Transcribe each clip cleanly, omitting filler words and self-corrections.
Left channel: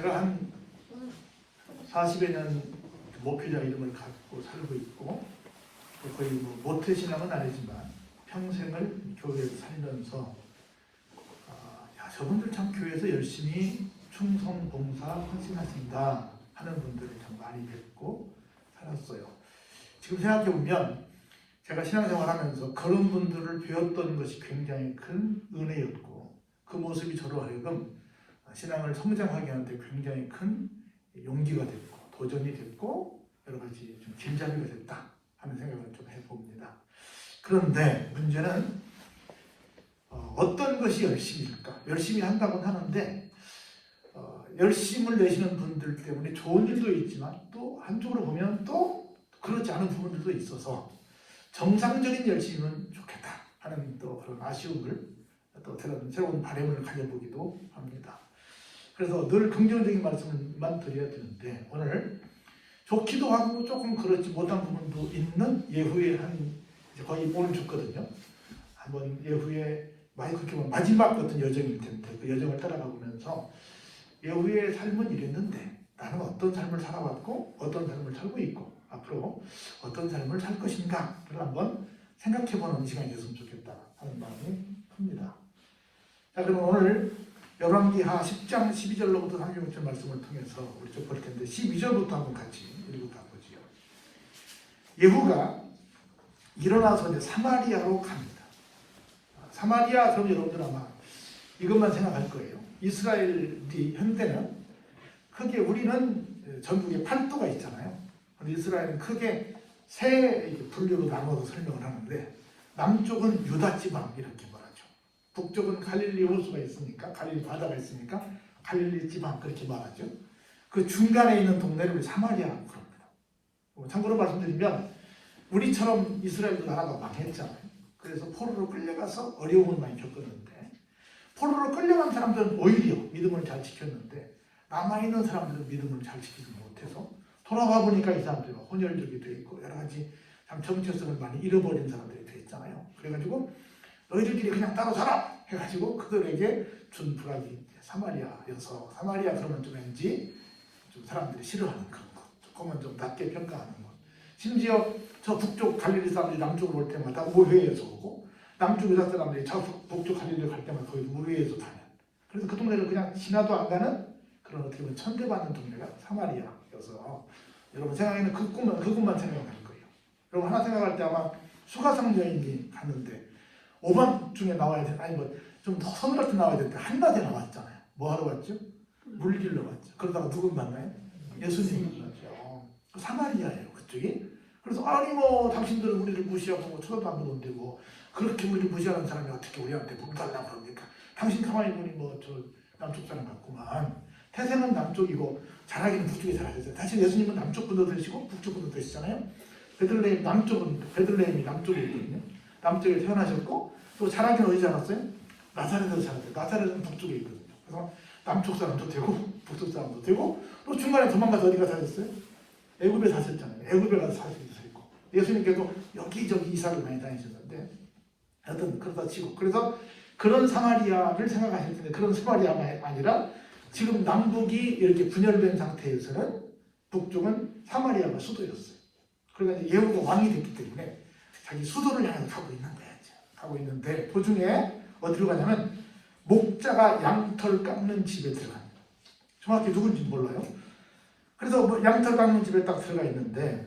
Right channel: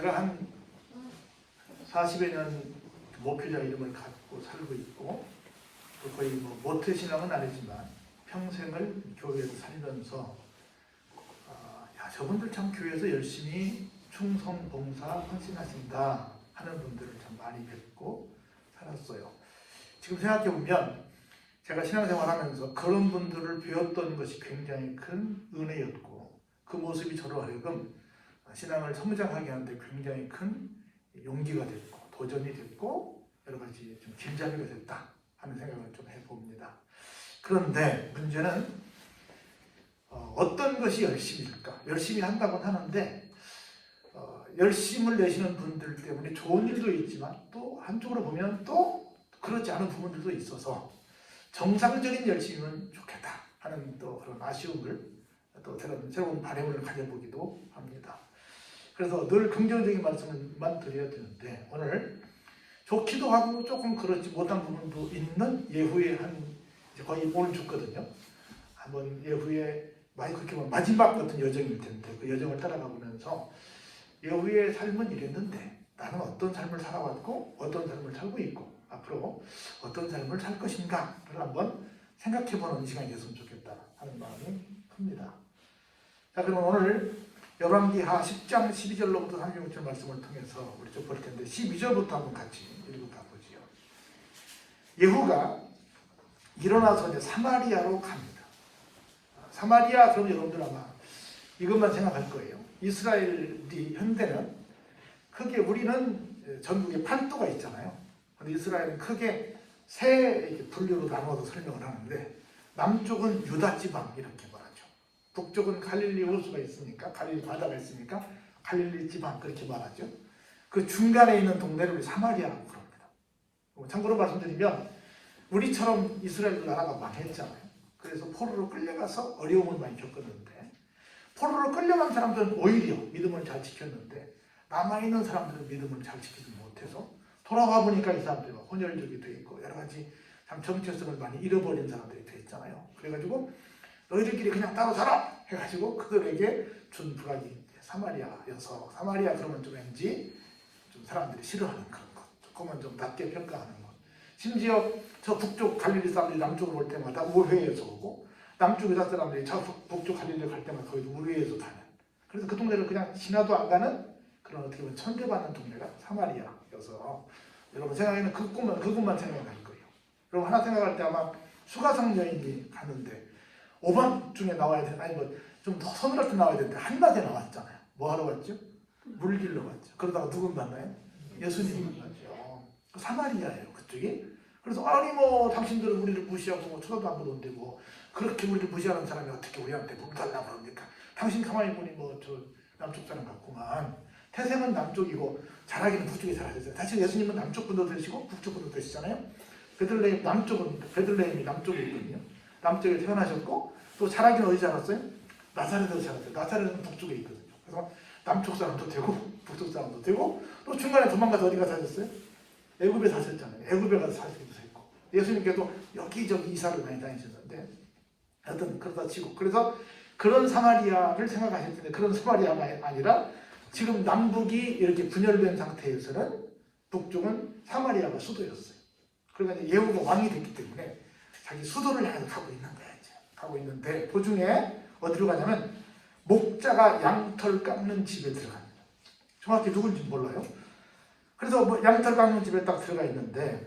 제가 한 40여 년 목회자 이름을 갖고 살고 있고 거의 모태신앙은 아니지만 평생을 교회에서 살면서 저분들 참 교회에서 열심히 충성, 봉사, 헌신하신다 하는 분들을 참 많이 뵙고 살았어요. 지금 생각해보면 제가 신앙생활하면서 그런 분들을 배웠던 것이 굉장히 큰 은혜였고 그 모습이 저로 하여금 신앙을 성장하게 하는데 굉장히 큰 용기가 됐고 도전이 됐고 여러 가지 좀 길잡이가 됐다 하는 생각을 좀 해봅니다. 그런데 문제는 어떤 것이 열심일까? 열심히 한다고 하는데 열심을 내시는 분들 때문에 좋은 일도 있지만 또 한쪽으로 보면 또 그렇지 않은 부분들도 있어서 정상적인 열심이면 좋겠다 하는 또 그런 아쉬움을 또 새로운 바람을 가져보기도 합니다. 그래서 늘 긍정적인 말씀만 드려야 되는데 오늘 좋기도 하고 조금 그렇지 못한 부분도 있는 예후의 거의 오늘 줬거든요. 한번 예후의 마이크 키면 마지막 같은 여정일 텐데 그 여정을 따라가 보면서 예후의 삶은 이랬는데 나는 어떤 삶을 살아왔고 어떤 삶을 살고 있고 앞으로 어떤 삶을 살 것인가를 한번 생각해보는 시간이 됐으면 좋겠다 하는 마음이 큽니다. 자, 그럼 오늘 열왕기하 10장 12절로부터 36절 말씀을 통해서 우리 좀 볼 텐데 12절부터 한번 같이 읽어보죠. 예후가 일어나서 이제 사마리아로 갑니다. 사마리아 그럼 여러분들 아마 이것만 생각할 거예요. 이스라엘이 현대는 크게 우리는 전국에 8도가 있잖아요. 근데 이스라엘은 크게 세 분류로 나눠서 설명을 하는데 남쪽은 유다 지방 이렇게 말하죠. 북쪽은 갈릴리 호수가 있으니까 갈릴리 바다가 있으니까 갈릴리 지방 그렇게 말하죠. 그 중간에 있는 동네를 사마리아라고 합니다. 참고로 말씀드리면 우리처럼 이스라엘 나라가 망했잖아요. 그래서 포로로 끌려가서 어려움을 많이 겪었는데 포로로 끌려간 사람들은 오히려 믿음을 잘 지켰는데 남아있는 사람들은 믿음을 잘 지키지 못해서 돌아와 보니까 이 사람들이 혼혈적이 되어 있고 여러 가지 참 정체성을 많이 잃어버린 사람들이 되어 있잖아요. 그래가지고 너희들끼리 그냥 따로 살아! 해가지고 그들에게 준 부락이 사마리아여서 사마리아 그러면 좀 왠지 좀 사람들이 싫어하는 그런 것, 조금은 좀 낮게 평가하는 것. 심지어 저 북쪽 갈릴리 사람들이 남쪽으로 올 때마다 우회해서 오고 남쪽 유다 사람들이 저 북쪽 갈릴리를 갈 때마다 거의 우회해서 가는. 그래서 그 동네를 그냥 지나도 안 가는 그런 어떻게 보면 천대받는 동네가 사마리아여서 여러분 생각에는 그것만 생각할 거예요. 여러분 하나 생각할 때 아마 수가성 여인이 갔는데 5번 중에 나와야 돼. 아니 좀 더 서늘하게 나와야 되는데 한낮에 나왔잖아요. 뭐 하러 왔죠? 물길로 갔죠. 그러다가 누군 만나요? 예수님을 만났죠. 사마리아예요 그쪽이. 그래서 아니 당신들은 우리를 무시하고 쳐다도 안 보는데 그렇게 우리를 무시하는 사람이 어떻게 우리한테 봉사한다 그럽니까? 당신 가만히 보니 저 남쪽 사람 같구만. 태생은 남쪽이고 자라기는 북쪽에 살아있어요. 사실 예수님은 남쪽 분도 되시고 북쪽 분도 되시잖아요. 베들레헴이 남쪽에 있거든요. 남쪽에 태어나셨고 또 자라기는 어디지 않았어요? 나사렛에서 자랐어요. 나사렛은 북쪽에 있거든요. 그래서 남쪽 사람도 되고 북쪽 사람도 되고 또 중간에 도망가서 어디 가서 사셨어요? 애굽에 사셨잖아요. 애굽에 가서 사시기도 했고 예수님께도 여기저기 이사를 많이 다니셨는데 하여튼 그러다 치고 그래서 그런 사마리아를 생각하실 텐데 그런 사마리아가 아니라 지금 남북이 이렇게 분열된 상태에서는 북쪽은 사마리아가 수도였어요. 그러니까 예후가 왕이 됐기 때문에 자기 수도를 향해 가고 있는 거야 이제. 가고 있는데 도중에 어디로 가냐면 목자가 양털 깎는 집에 들어가요. 정확히 누군지 몰라요. 그래서 양털 깎는 집에 딱 들어가 있는데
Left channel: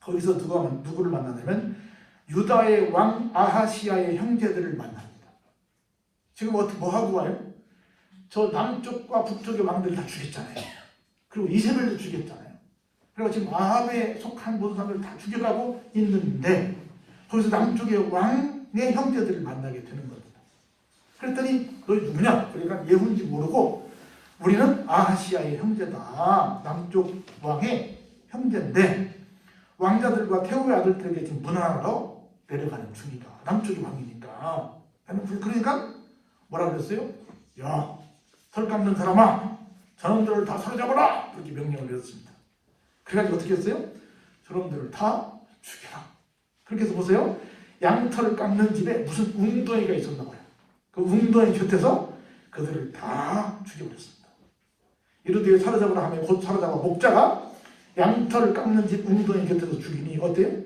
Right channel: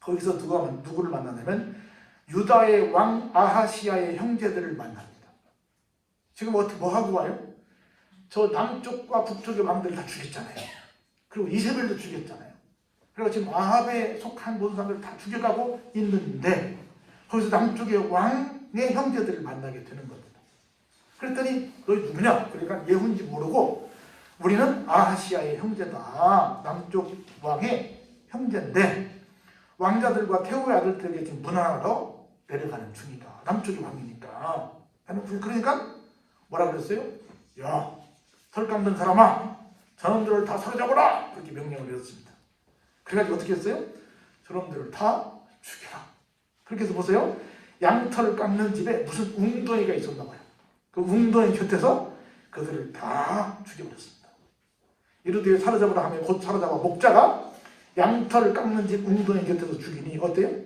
거기서 누구를 만나냐면 유다의 왕 아하시아의 형제들을 만납니다. 지금 뭐 하고 와요? 저 남쪽과 북쪽의 왕들이 다 죽였잖아요. 그리고 이세벨도 죽였잖아요. 그리고 지금 아합에 속한 모든 사람을 다 죽여가고 있는데 거기서 남쪽의 왕의 형제들을 만나게 되는 겁니다. 그랬더니 너희 누구냐? 그러니까 예후인지 모르고 우리는 아하시아의 형제다. 남쪽 왕의 형제인데 왕자들과 태후의 아들들에게 지금 문안하러 내려가는 중이다. 남쪽의 왕이니까. 그러니까 뭐라 그랬어요? 야, 털 깎는 사람아, 저놈들을 다 사로잡아라! 그렇게 명령을 내렸습니다. 그래가지고 어떻게 했어요? 저놈들을 다 죽여라. 그렇게 해서 보세요. 양털 깎는 집에 무슨 웅덩이가 있었나 봐요. 그 웅덩이 곁에서 그들을 다 죽여버렸습니다. 이르되 사로잡으라 하며 곧 사로잡아 목자가 양털을 깎는 집 웅덩이 곁에서 죽이니 어때요?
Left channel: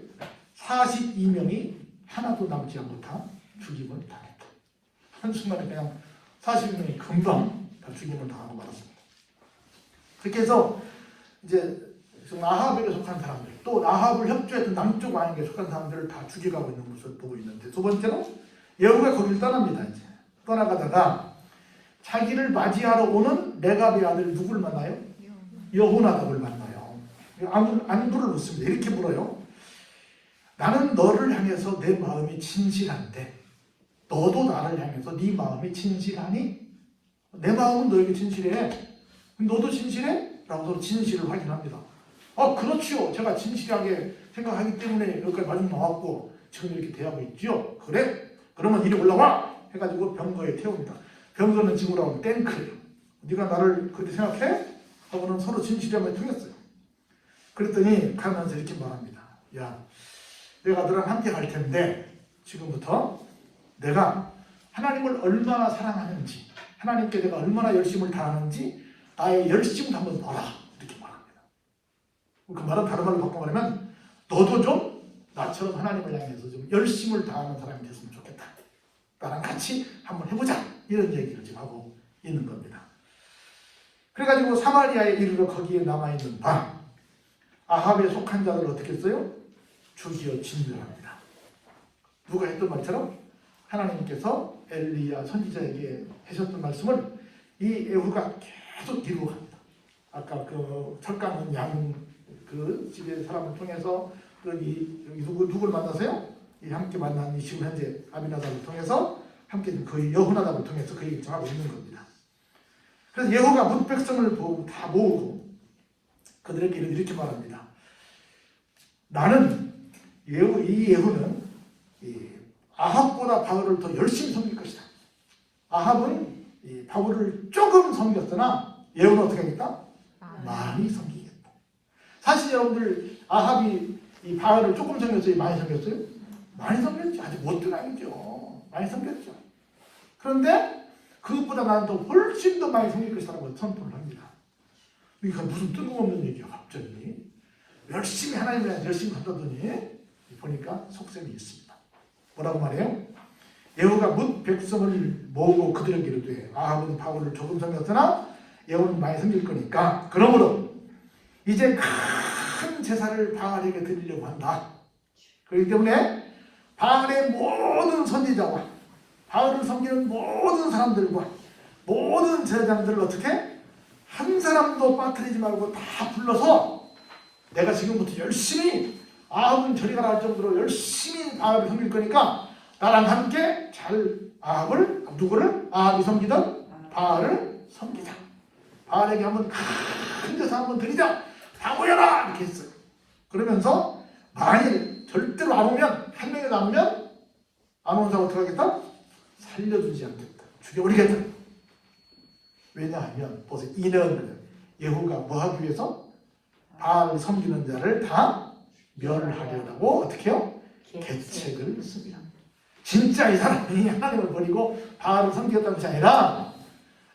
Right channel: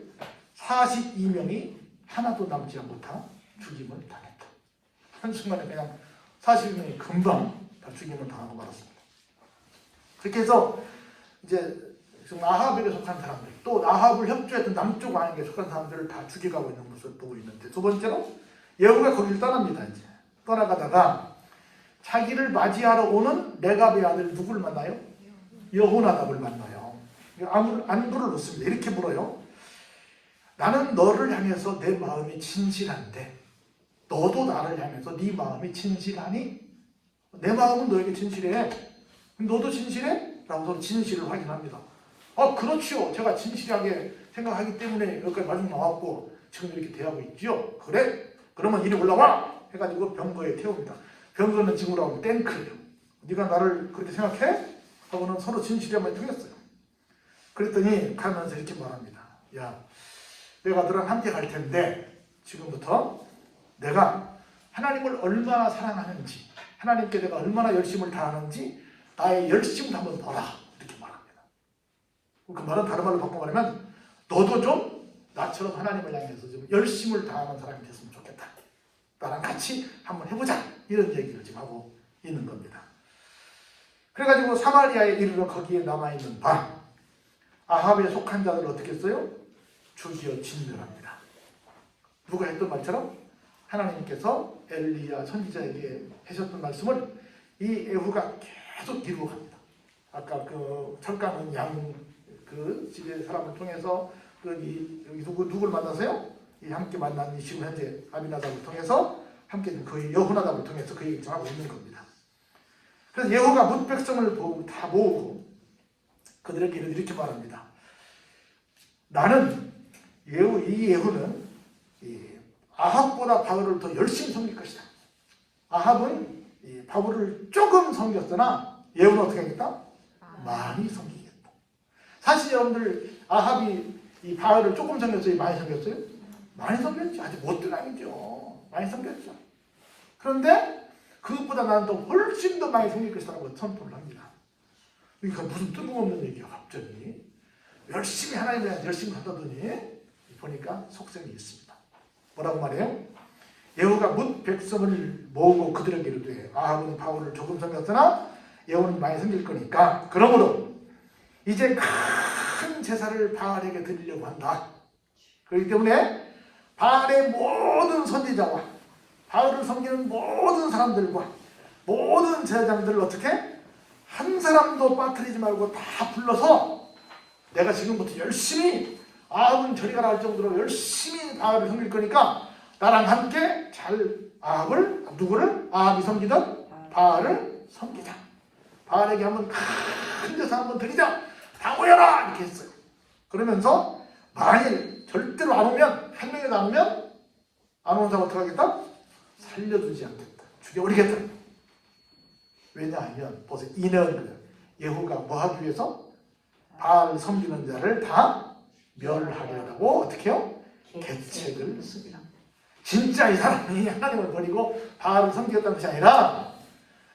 42명이 하나도 남지 못하 죽임을 당했다. 한순간에 그냥 42명이 금방 다 죽임을 당하고 말았습니다. 그렇게 해서 이제 지금 아합에 속한 사람들, 또 아합을 협조했던 남쪽 왕에게 속한 사람들을 다 죽여가고 있는 것을 보고 있는데, 두 번째로 예후가 거기를 떠납니다. 이제 떠나가다가 자기를 맞이하러 오는 레갑의 아들 누굴 만나요? 여호나답을 만나요. 안부를 묻습니다. 이렇게 물어요. 나는 너를 향해서 내 마음이 진실한데 너도 나를 향해서 네 마음이 진실하니? 내 마음은 너에게 진실해. 너도 진실해? 라고 진실을 확인합니다. 그렇지요. 제가 진실하게 생각하기 때문에 여기까지 마중 나왔고 지금 이렇게 대하고 있죠. 그래? 그러면 이리 올라와! 해가지고 병거에 태웁니다. 병거는 지금 올라오면 탱크예요. 네가 나를 그렇게 생각해? 하고는 서로 진실하면 통했어요. 그랬더니 가면서 이렇게 말합니다. 야, 내가 너랑 함께 갈 텐데 지금부터 내가 하나님을 얼마나 사랑하는지, 하나님께 내가 얼마나 열심을 다하는지 나의 열심을 한번 봐라. 이렇게 말합니다. 그 말은 다른 말로 바꿔 말하면 너도 좀 나처럼 하나님을 향해서 좀 열심을 다하는 사람이 됐으면 좋겠다. 나랑 같이 한번 해보자. 이런 얘기를 지금 하고 있는 겁니다. 그래가지고 사마리아에 이르러 거기에 남아있는 반 아합에 속한 자들 어떻게 했어요? 죽여 진멸합니다. 누가 했던 말처럼 하나님께서 엘리야 선지자에게 하셨던 말씀을 이 에후가 계속 이루고 갑니다. 아까 그 철강 양 그 집의 사람을 통해서 누굴 만나세요? 이 함께 만난 이 지금 현재 아비나답을 통해서 함께 그 여호나답을 통해서 그 얘기를 전하고 있는 겁니다. 그래서 예후가 문 백성을 다 모으고 그들에게 이렇게 말합니다. 나는 이 예후는 아합보다 바울을 더 열심히 섬길 것이다. 아합은 바울을 조금 섬겼으나 예후는 어떻게 하겠다? 많이 섬기겠다. 사실 여러분들 아합이 이 바울을 조금 섬겼어요? 많이 섬겼어요? 많이 섬겼죠. 아주 못된 아니죠. 많이 섬겼죠. 그런데 그것보다 나는 더 훨씬 더 많이 섬길 것이라고 선포를 합니다. 이게 무슨 뜬금없는 얘기야 갑자기. 열심히 하나님에 열심히 하더니 보니까 속셈이 있습니다. 뭐라고 말해요? 예후가 뭇 백성을 모으고 그들에게 이르되 아합은 바울을 조금 섬겼으나 예후는 많이 섬길 거니까 그러므로 이제 큰 제사를 바알에게 드리려고 한다. 그렇기 때문에 바알의 모든 선지자와 바울을 섬기는 모든 사람들과 모든 제사장들을 어떻게 한 사람도 빠뜨리지 말고 다 불러서 내가 지금부터 열심히 아합은 저리가 갈 정도로 열심히 아합을 섬길 거니까 나랑 함께 잘 아합을 누구를? 아합이 섬기던 바알을 섬기자. 바알에게 한번 큰 제사 한번 드리자. 다 모여라! 이렇게 했어요. 그러면서 만일 절대로 안 오면 한 명이 남으면 안 온 사람 어떻게 하겠다? 살려주지 않겠다. 죽여버리겠다. 왜냐하면 벌써 이는 예후가 뭐 하기 위해서? 바알을 섬기는 자를 다 멸하려고 어떻게 해요? 계책을 씁니다. 진짜 이 사람이 하나님을 버리고 바알을 섬겼다는 것이 아니라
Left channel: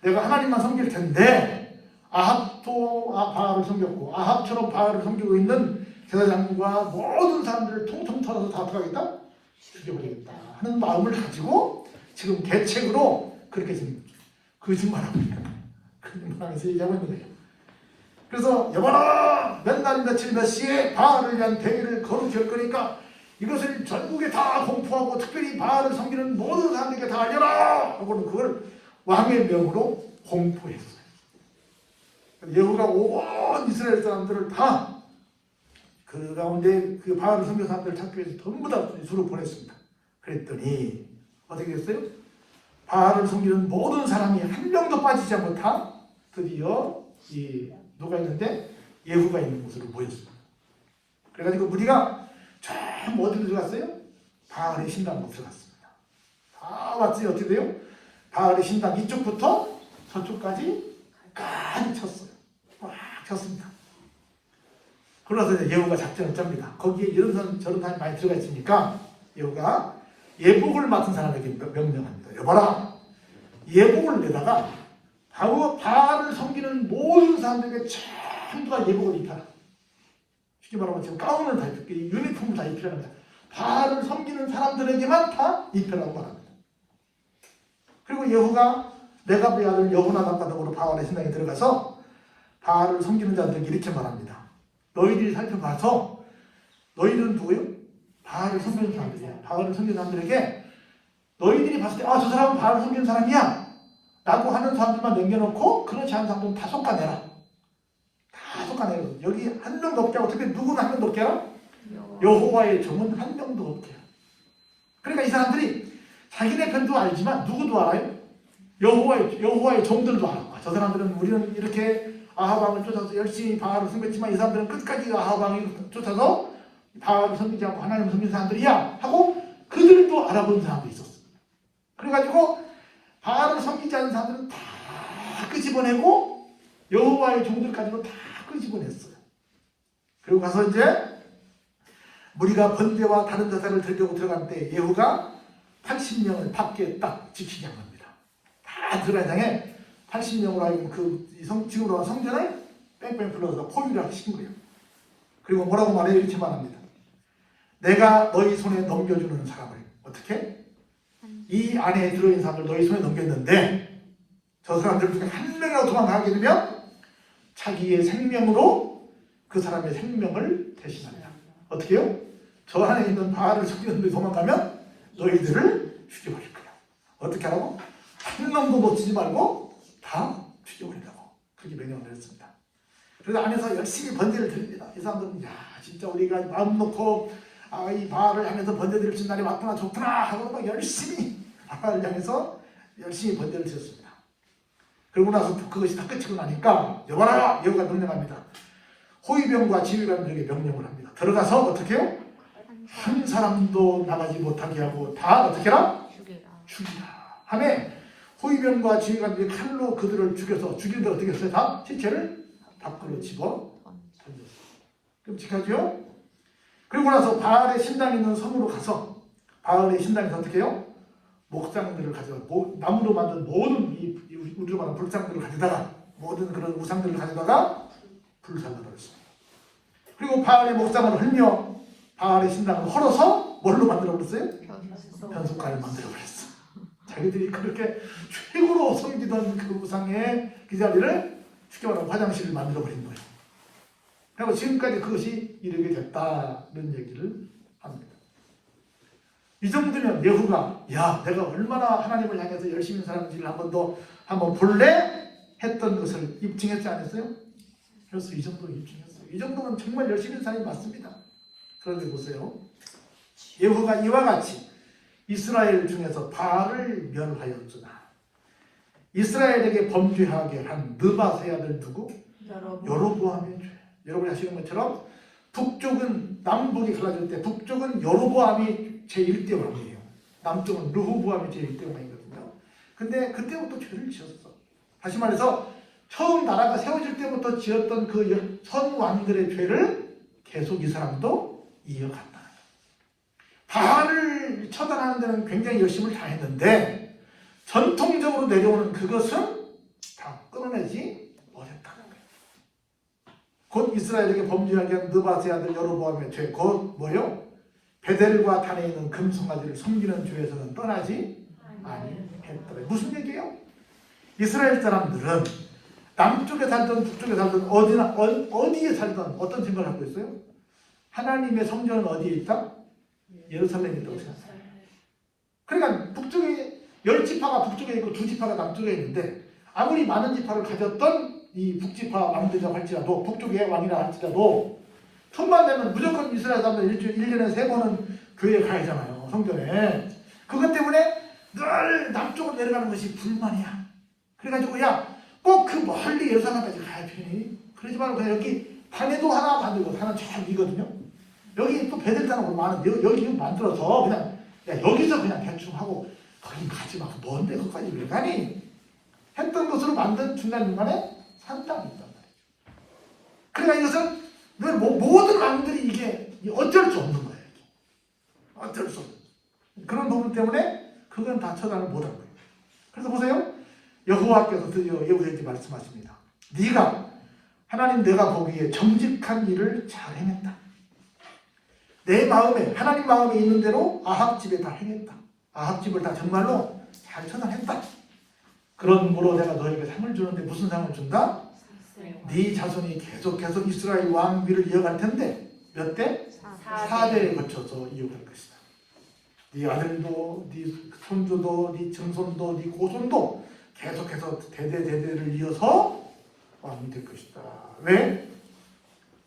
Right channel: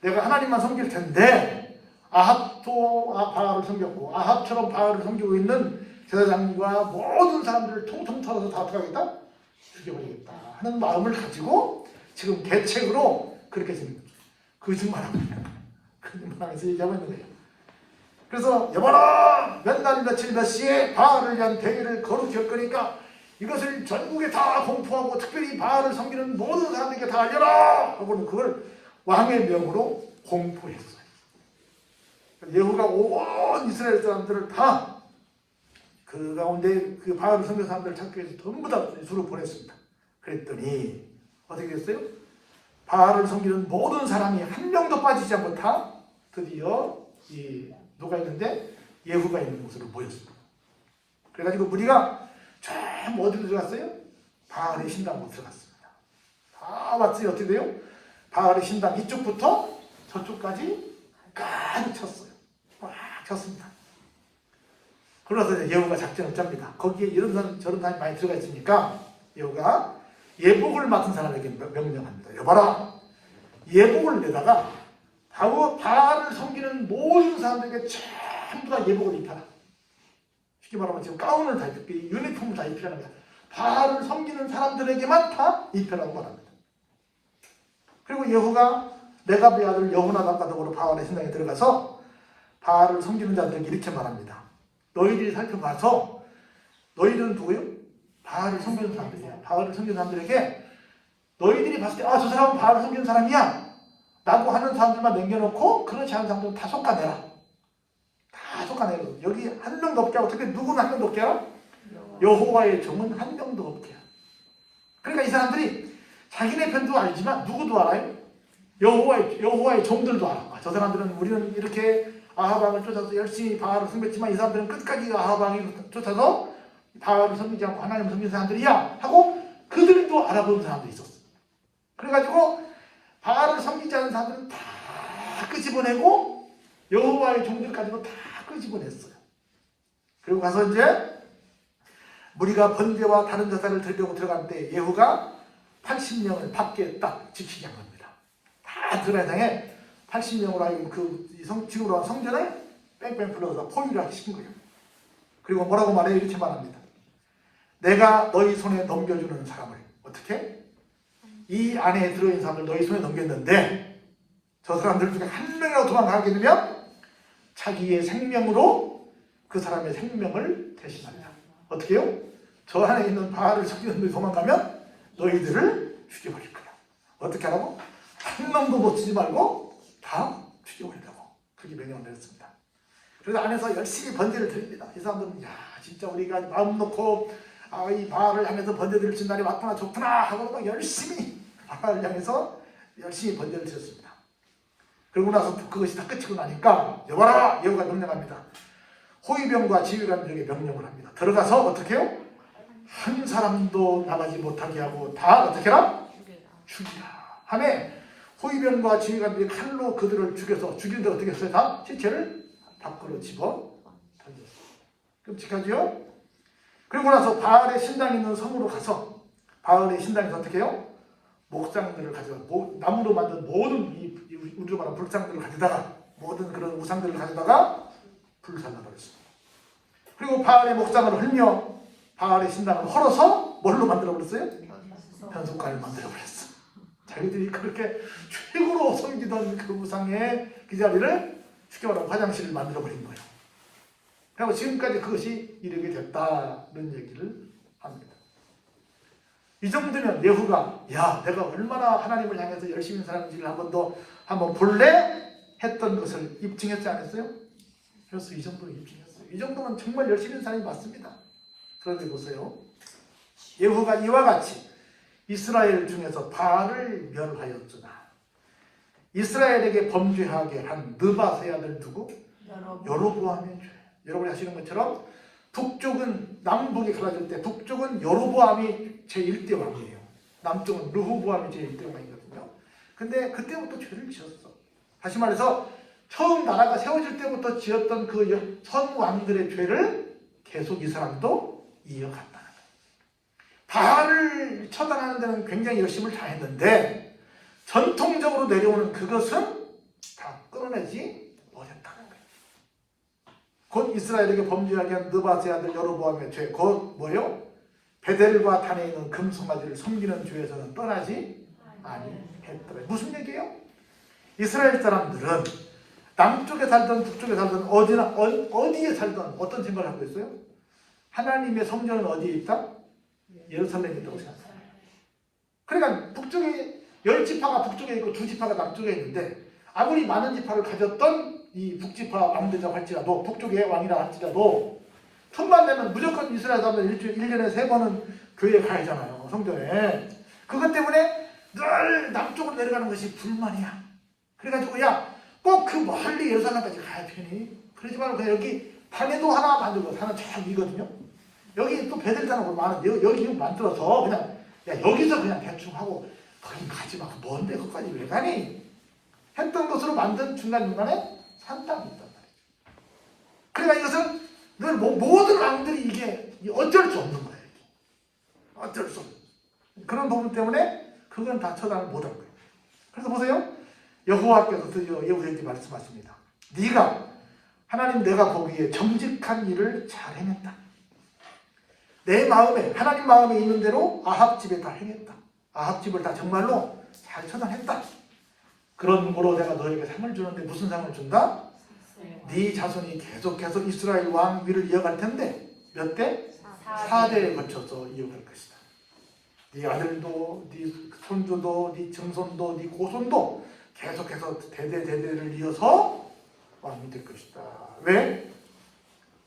내가 하나님만 섬길 텐데 아합도 바알을 섬겼고 아합처럼 바알을 섬기고 있는 제사장과 모든 사람들을 통통 털어서 다 어떻게 죽여버리겠다 하는 마음을 가지고 지금 계책으로 그렇게 생깁니다. 거짓말합니다. 그만해서 얘기하고 있는 거예요. 그래서 여봐라! 몇 날이 며칠 몇 시에 바알을 위한 대회를 거룩히 할 거니까 이것을 전국에 다 공포하고 특별히 바알을 섬기는 모든 사람에게 다 알려라! 하고는 그걸 왕의 명으로 공포했어요. 예후가 온 이스라엘 사람들을 다 그 가운데 그 바알을 섬기는 사람들을 찾기 위해서 전부 다 수로 보냈습니다. 그랬더니 어떻게 했어요? 바알을 섬기는 모든 사람이 한 명도 빠지지 않고 다 드디어 누가 있는데 예후가 있는 곳으로 모였습니다. 그래가지고 우리가 저 어디로 들어갔어요? 바알의 신당으로 들어갔습니다. 다 왔더니 어떻게 돼요? 바알의 신당 이쪽부터 저쪽까지 까지 쳤어요. 꽉 쳤습니다. 그래서 예후가 작전을 짭니다. 거기에 이런 사람 저런 사람이 많이 들어가 있으니까 예후가 예복을 맡은 사람에게 명령합니다. 여봐라, 예복을 내다가 바알을 섬기는 모든 사람들에게 전부 다 예복을 입혀라. 쉽게 말하면 지금 가운을 다 입히고 유니폼을 다 입히랍니다. 바알을 섬기는 사람들에게만 다 입혀라고 합니다. 그리고 여호가 레갑의 아들 여호나단과 더불어 바알의 신당에 들어가서 바알을 섬기는 자들에게 이렇게 말합니다. 너희들이 살펴봐서 너희들은 누구예요? 바알을 섬기는 사람들이야. 바알을 섬기는 사람들에게 너희들이 봤을 때 저 사람은 바알을 섬기는 사람이야 라고 하는 사람들만 남겨놓고 그렇지 않은 사람들은 다 솎아내라. 다 솎아내라. 여기 한 명도 없게 하고 특히 누구는 한 명도 없게 해요? 여호와의 종은 한 명도 없게 해요. 그러니까 이 사람들이 자기네 편도 알지만 누구도 알아요? 여호와의 종들도 알아. 저 사람들은 우리는 이렇게 아하방을 쫓아서 열심히 바알을 섬겼지만 이 사람들은 끝까지 아하방을 쫓아서 바알을 섬기지 않고 하나님을 섬기는 사람들이야 하고 그들도 알아보는 사람들이 있었어. 그래가지고 바알을 섬기지 않는 사람들은 다 끄집어내고 여호와의 종들까지도 다 끄집어냈어요. 그리고 가서 이제 무리가 번제와 다른 제사를 드리려고 들어갈 때 예후가 80명을 밖에 딱 지키게 합니다. 다 들어가장에 80명으로 하여금 그 지구로 한 성전을 뺑뺑 불러서 포위를 하신 거예요. 그리고 뭐라고 말해요? 이렇게 말합니다. 내가 너희 손에 넘겨주는 사람을 어떻게? 이 안에 들어있는 사람을 너희 손에 넘겼는데 저 사람들 중에 한 명이라도 도망가게 되면 자기의 생명으로 그 사람의 생명을 대신하라. 어떻게 해요? 저 안에 있는 바알을 섬기는 데 도망가면 너희들을 죽여버릴 거야. 어떻게 하라고? 한 명도 놓치지 말고 다 죽여버린다고 그렇게 명령을 했습니다. 그래서 안에서 열심히 번제를 드립니다. 이 사람들은 진짜 우리가 마음 놓고 이 바알을 향해서 번제 드릴 수 있는 날이 왔구나 좋구나 하고 막 열심히 바알을 향해서 열심히 번제를 드렸습니다. 그러고 나서 그것이 다 끝이고 나니까 여봐라! 여호가 명령합니다. 호위병과 지휘관들에게 명령을 합니다. 들어가서 어떻게 해요? 한 사람도 나가지 못하게 하고 다 어떻게 해라? 죽이라 하네. 호위병과 지휘관들이 칼로 그들을 죽여서 죽이는데 어떻게 했어요? 다 시체를 밖으로 집어 던졌어요. 끔찍하죠? 그리고 나서 바알의 신당이 있는 성으로 가서 바알의 신당에서 어떻게 해요? 목상들을 가져다 나무로 만든 모든 이 우리로 말하는 불상들을 가져다가 모든 그런 우상들을 가져다가 불살라버렸습니다. 그리고 바알의 목상을 흘며 바알의 신당을 헐어서 뭘로 만들어버렸어요? 현수가를 만들어버렸어요. 자기들이 그렇게 최고로 섬기던 그 우상의 그 자리를 쉽게 말하면 화장실을 만들어버린 거예요. 그리고 지금까지 그것이 이르게 됐다는 얘기를 합니다. 이 정도면 예후가 내가 얼마나 하나님을 향해서 열심히 사는지를 한번 볼래? 했던 것을 입증했지 않았어요? 그래서 이 정도는 입증했어요. 이 정도는 정말 열심히 사는 게 맞습니다. 그런데 보세요. 예후가 이와 같이 이스라엘 중에서 바알을 멸하였으나 이스라엘에게 범죄하게 한 느바세 아들 누구? 여로보암의 죄. 여러분이 아시는 것처럼 북쪽은 남북이 갈라질 때 북쪽은 여로보암이 제1대 왕이에요. 남쪽은 르호보암이 제1대 왕이거든요. 근데 그때부터 죄를 지었어. 다시 말해서 처음 나라가 세워질 때부터 지었던 그 선왕들의 죄를 계속 이 사람도 이어간다. 바알을 처단하는 데는 굉장히 열심을 다했는데 전통적으로 내려오는 그것은 다 끊어내지 못했다는 거예요. 곧 이스라엘에게 범죄하게 한 느바세 아들 여로보암의 죄, 곧 뭐요? 베델과 단에 있는 금송아지를 섬기는 죄에서는 떠나지 아니했다. 무슨 얘기예요? 이스라엘 사람들은 남쪽에 살든 북쪽에 살든 어디에 살든 어떤 생각을 하고 있어요? 하나님의 성전은 어디에 있다? 예루살렘에 있다고 생각해요. 그러니까 북쪽에 10지파가 북쪽에 있고 2지파가 남쪽에 있는데 아무리 많은 지파를 가졌던 이 북지파 왕들이라고 할지라도 북쪽의 왕이라 할지라도 천만 되면 무조건 이스라엘 사람들 1년에 3번은 교회에 가야잖아요. 성전에. 그것 때문에 늘 남쪽으로 내려가는 것이 불만이야. 그래가지고 꼭 그 멀리 예루살렘까지 가야 되니? 그러지 말고 그냥 여기 단에도 하나 만들고 하나 쫙 있거든요. 여기 또 베델산하고 많은 여기 만들어서 그냥 여기서 그냥 대충 하고 거기 가지 마. 먼 데서까지 왜 가니? 했던 것으로 만든 중간 중간에 산땅이 있단 말이죠. 그러니까 이것은 모든 왕들이 이게 어쩔 수 없는 거예요. 어쩔 수 없는 그런 부분 때문에 그건 다 처단을 못한 거예요. 그래서 보세요. 여호와께서 드디어 예후에게 말씀하십니다. 네가 하나님 내가 보기에 정직한 일을 잘 해냈다. 내 마음에 하나님 마음에 있는 대로 아합 집에 다 행했다. 아합 집을 다 정말로 잘 처단했다. 그러므로 내가 너에게 상을 주는데 무슨 상을 준다? 네 자손이 계속 이스라엘 왕비를 이어갈 텐데 몇 대? 4대에 거쳐서 이어갈 것이다. 네 아들도 네 손주도 네 증손도 네 고손도 계속해서 대대를 이어서 왕이 될 것이다. 왜?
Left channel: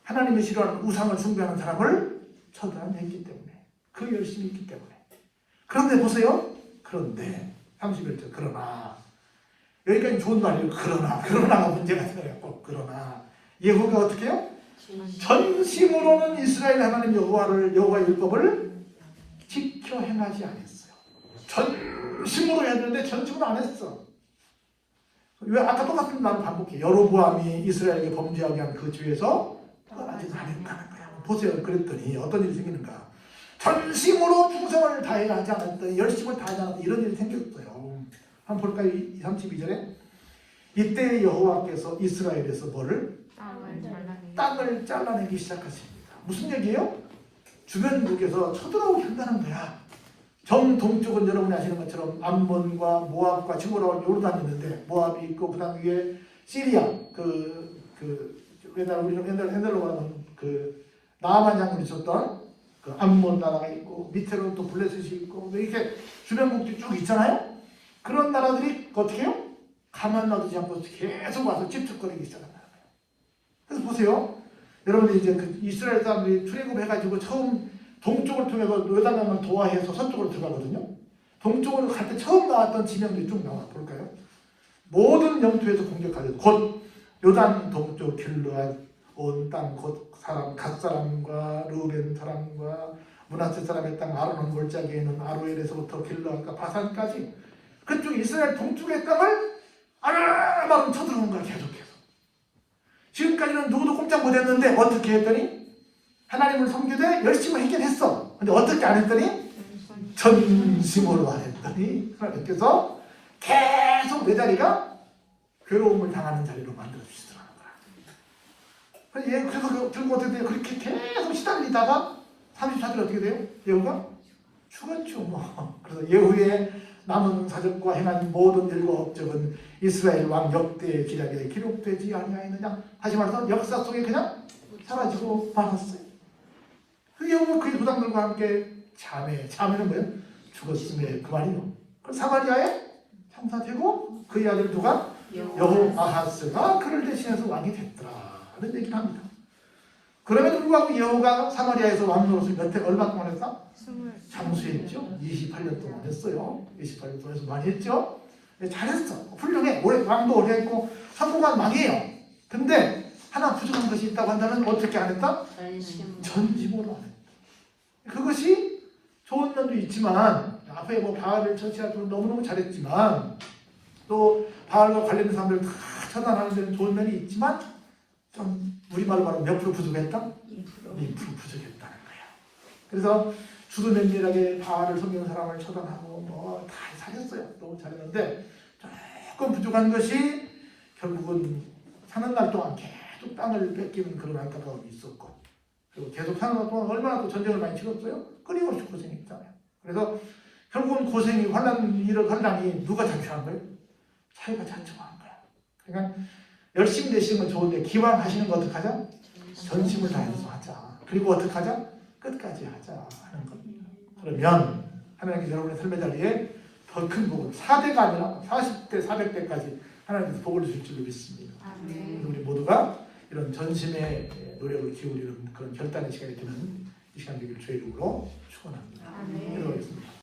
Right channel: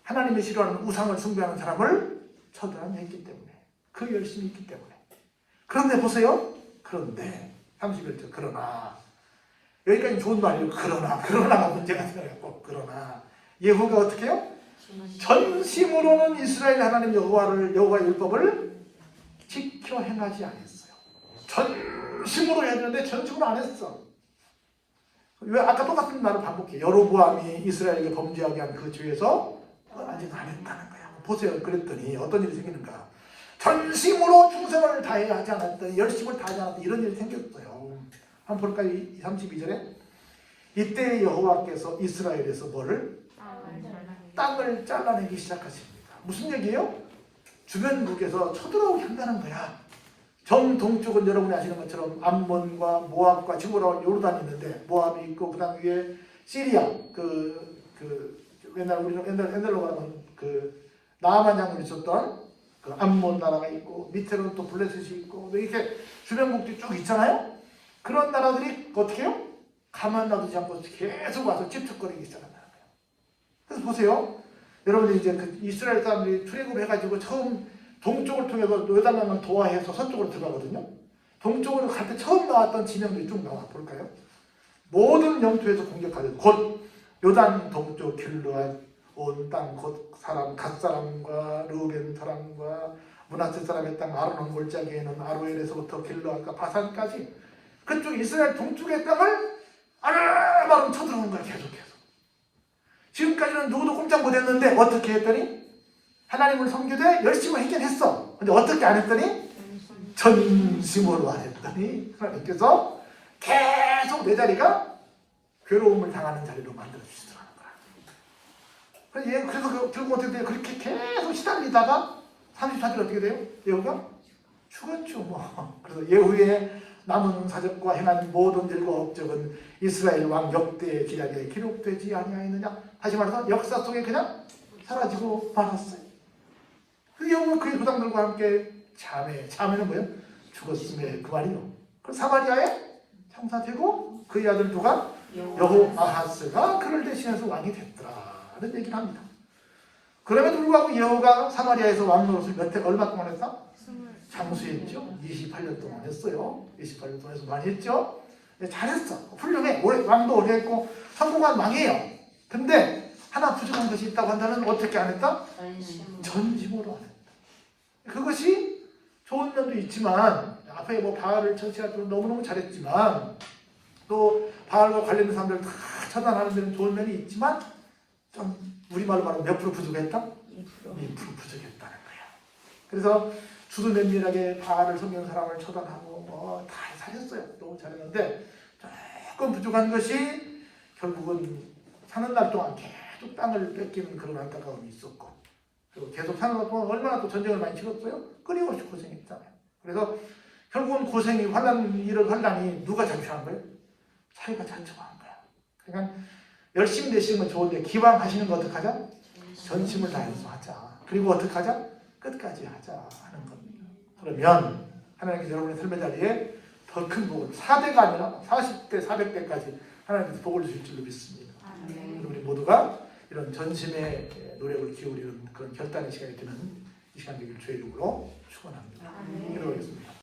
하나님이 싫어하는 우상을 숭배하는 사람을 처단했기 때문에 그 열심히 했기 때문에. 그런데 보세요. 그런데 31절 그러나 여기까지 좋은 말이에요. 그러나가 문제가 생겨요. 그러나 예후가 어떻게 해요? 전심으로는 이스라엘 하나님 여호와의 율법을 지켜 행하지 않았어요. 전심으로 했는데 전심으로 안 했어. 왜? 아까 똑같은 말을 반복해. 여로보암이 이스라엘에 범죄하게 한 그 죄에서 아직 안 했다는 거야. 보세요. 그랬더니 어떤 일이 생기는가? 전심으로 충성을 다해 하지 않았더니 열심을 다하지 않았더니 이런 일이 생겼어요. 한번 볼까요? 32절에 이때 여호와께서 이스라엘에서 뭐를? 땅을 잘라내기 시작하십니다. 무슨 얘기예요? 주변국에서 쳐들어오게 한다는 거야. 정동쪽은 여러분이 아시는 것처럼 암몬과 모압과 지금 올라온 요르단이 있는데 모압이 있고 그 다음 위에 시리아 우리는 옛날로 가면 나아만 장군이 있었던 그 암몬 나라가 있고 밑에는 또 블레셋이 있고 이렇게 주변국들이 쭉 있잖아요. 그런 나라들이 어떻게 해요? 가만 놔두지 않고 계속 와서 집착거리기 시작한다. 그래서 보세요. 여러분들 이제 이스라엘 사람들이 출애굽해가지고 처음 동쪽을 통해서 요단강을 도하해서 서쪽으로 들어가거든요. 동쪽으로 갈 때 처음 나왔던 진영들이 쭉 나와 볼까요? 모든 영토에서 공격하여 곧 요단 동쪽 길르앗 온 땅 곧 갓 사람과 르우벤 사람과 므낫세 사람의 땅 아르논 골짜기에 있는 아로엘에서부터 길르앗과 바산까지 그쪽 이스라엘 동쪽의 땅을 아르바름 쳐들어오는 거야. 계속해서. 지금까지는 누구도 꼼짝 못했는데 어떻게 했더니 하나님을 섬기되 열심히 했긴 했어. 근데 어떻게 안 했더니 전심으로 안 했더니 하나님께서 계속 내 자리가 괴로움을 당하는 자리로 만들어주시더라는 거야. 그래서 들고 어떻게 돼요? 그렇게 계속 시달리다가 34절 어떻게 돼요? 예후가 죽었죠. 그래서 예후의 남은 사적과 행한 모든 일과 업적은 이스라엘 왕 역대의 기록에 기록되지 아니하였느냐. 다시 말해서 역사 속에 그냥 사라지고 말았어요. 그 예후가 그의 부담들과 함께 자매는 뭐예요? 죽었음에 그 말이요. 그 사마리아에 창사되고 그의 아들 누가? 여호아하스가 그를 대신해서 왕이 됐더라는 얘기를 합니다. 그럼에도 불구하고 여호가 사마리아에서 왕 노릇을 얼마 동안 했어? 잠수했죠. 28년 동안 했어요. 28년 동안 해서 많이 했죠. 잘했어. 훌륭해. 왕도 오래 했고 성공한 왕이에요. 근데 하나 부족한 것이 있다고 한다면 어떻게 안 했다? 전심으로 안 했다. 그것이 좋은 면도 있지만 앞에 바알을 처치하도록 너무너무 잘했지만 또 바알과 관련된 사람들 다 처단하는 데는 좋은 면이 있지만 좀 우리말로 말하면 몇 프로 부족했다? 2% 부족했다는 거야. 그래서 수두면밀하게 바알을 섬기는 사람을 처단하고 다 살렸어요. 너무 잘했는데 조금 부족한 것이 결국은 사는 날 동안 계속 땅을 뺏기는 그런 안타까움이 있었고 또 계속 사는 날 동안 얼마나 또 전쟁을 많이 치렀어요? 끊임없이 고생했잖아요. 그래서 결국은 고생이 화난 일을 한다니 누가 자초한 거예요? 자기가 자초한 거야. 그러니까 열심히 내시는 건 좋은데 기왕 하시는 거 어떻게 하자? 전심을 다해서 하자. 그리고 어떻게 하자? 끝까지 하자 하는 겁니다. 그러면 하나님께서 여러분의 삶의 자리에 더 큰 복을 4대가 아니라 40대, 400대까지 하나님께서 복을 주실 줄로 믿습니다. 우리 모두가 이런 전심의 노력을 기울이는 그런 결단의 시간이 되는 이 시간 되길 주의 이름으로 축원합니다. 기도하겠습니다.